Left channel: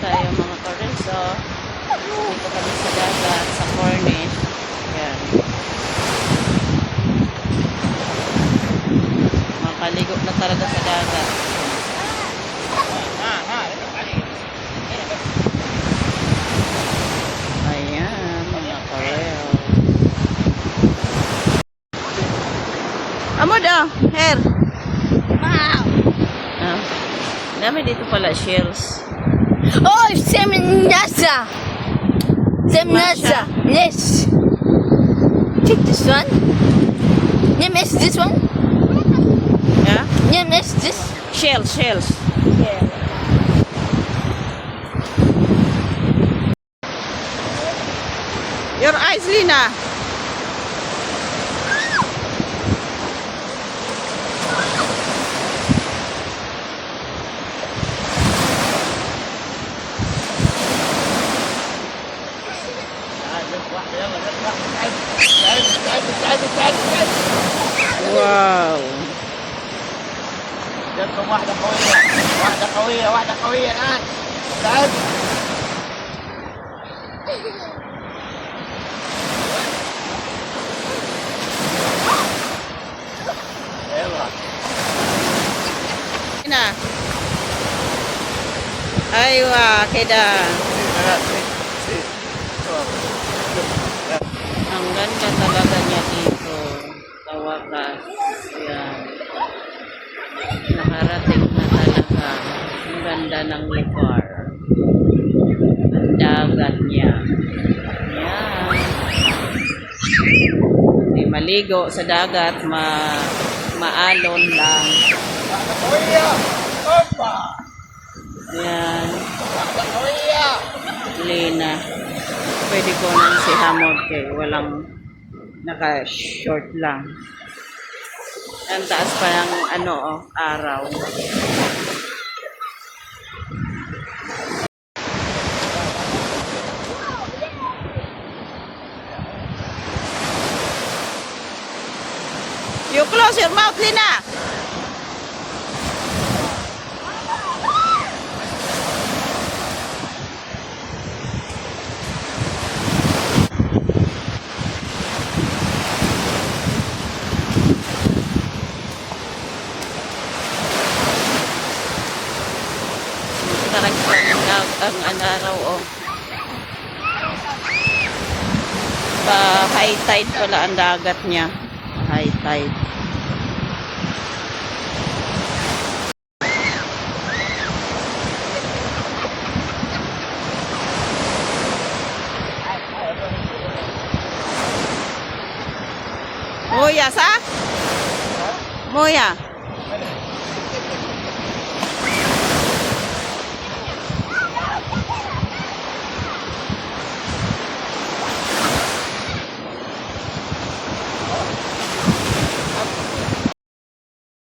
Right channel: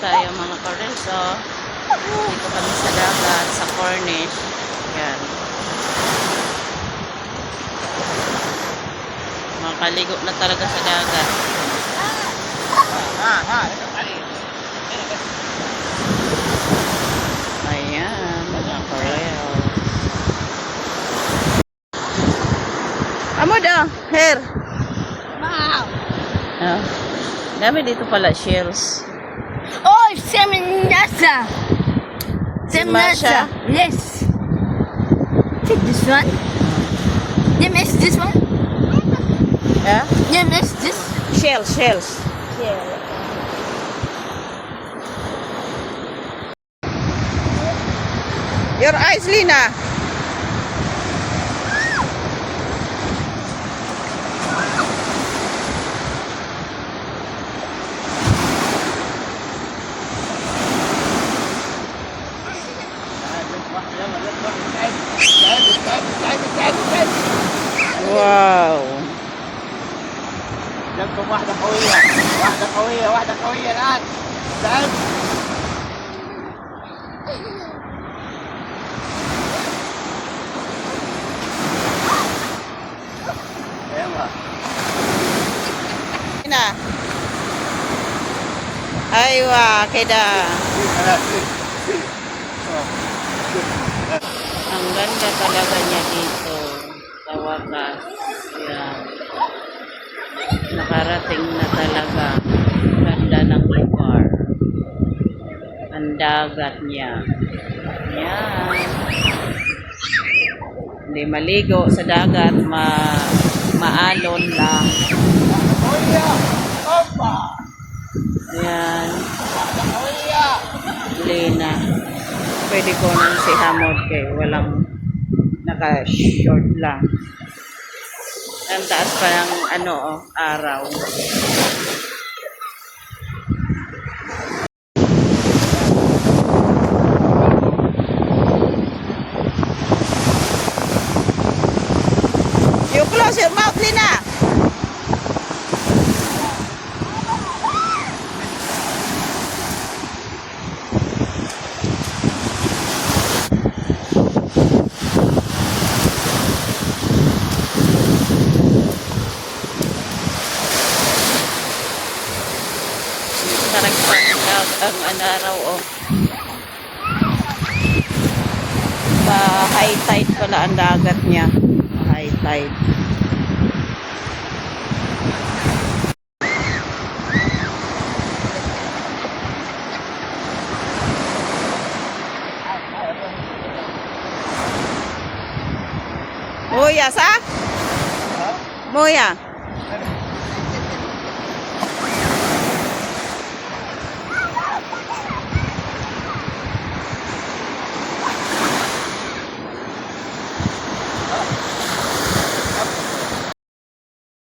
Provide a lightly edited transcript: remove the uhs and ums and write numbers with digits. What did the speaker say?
tayo mga kareso. Dito kami sa dagat, sa Cornish. Yan. Makaligo na talaga sa dagat. Ayan, mga karel. Amo daw, hair. Wow. Oh. Dami dito pala shells. Oh, Seminasa. Masha? Yes. Check this one. You miss this one? Yeah? You miss this? Shells. Yeah. Your eyes, Lina. Wow. جاتكم واحدة قوية، واحدة قوية الآن. بعد. يلا. Lina. Aywa, keda. Ang ganda talaga niya dito. Sa wakas. Yan. Nakarating na talaga. Ang ganda ng lugar. Ang dagat niya. Yan. Hindi maligo sa dagat. Maalon lang. قوية. أوبا. Yan. واحدة قوية. Lina. Pwede ko nang si Hamod kay walang naka-short lang. Ang taas pa ng araw. You close your mouth, Lina. Sarang ang araw, oh. High tide pala ang dagat niya. High tide. Moya sa? Moya.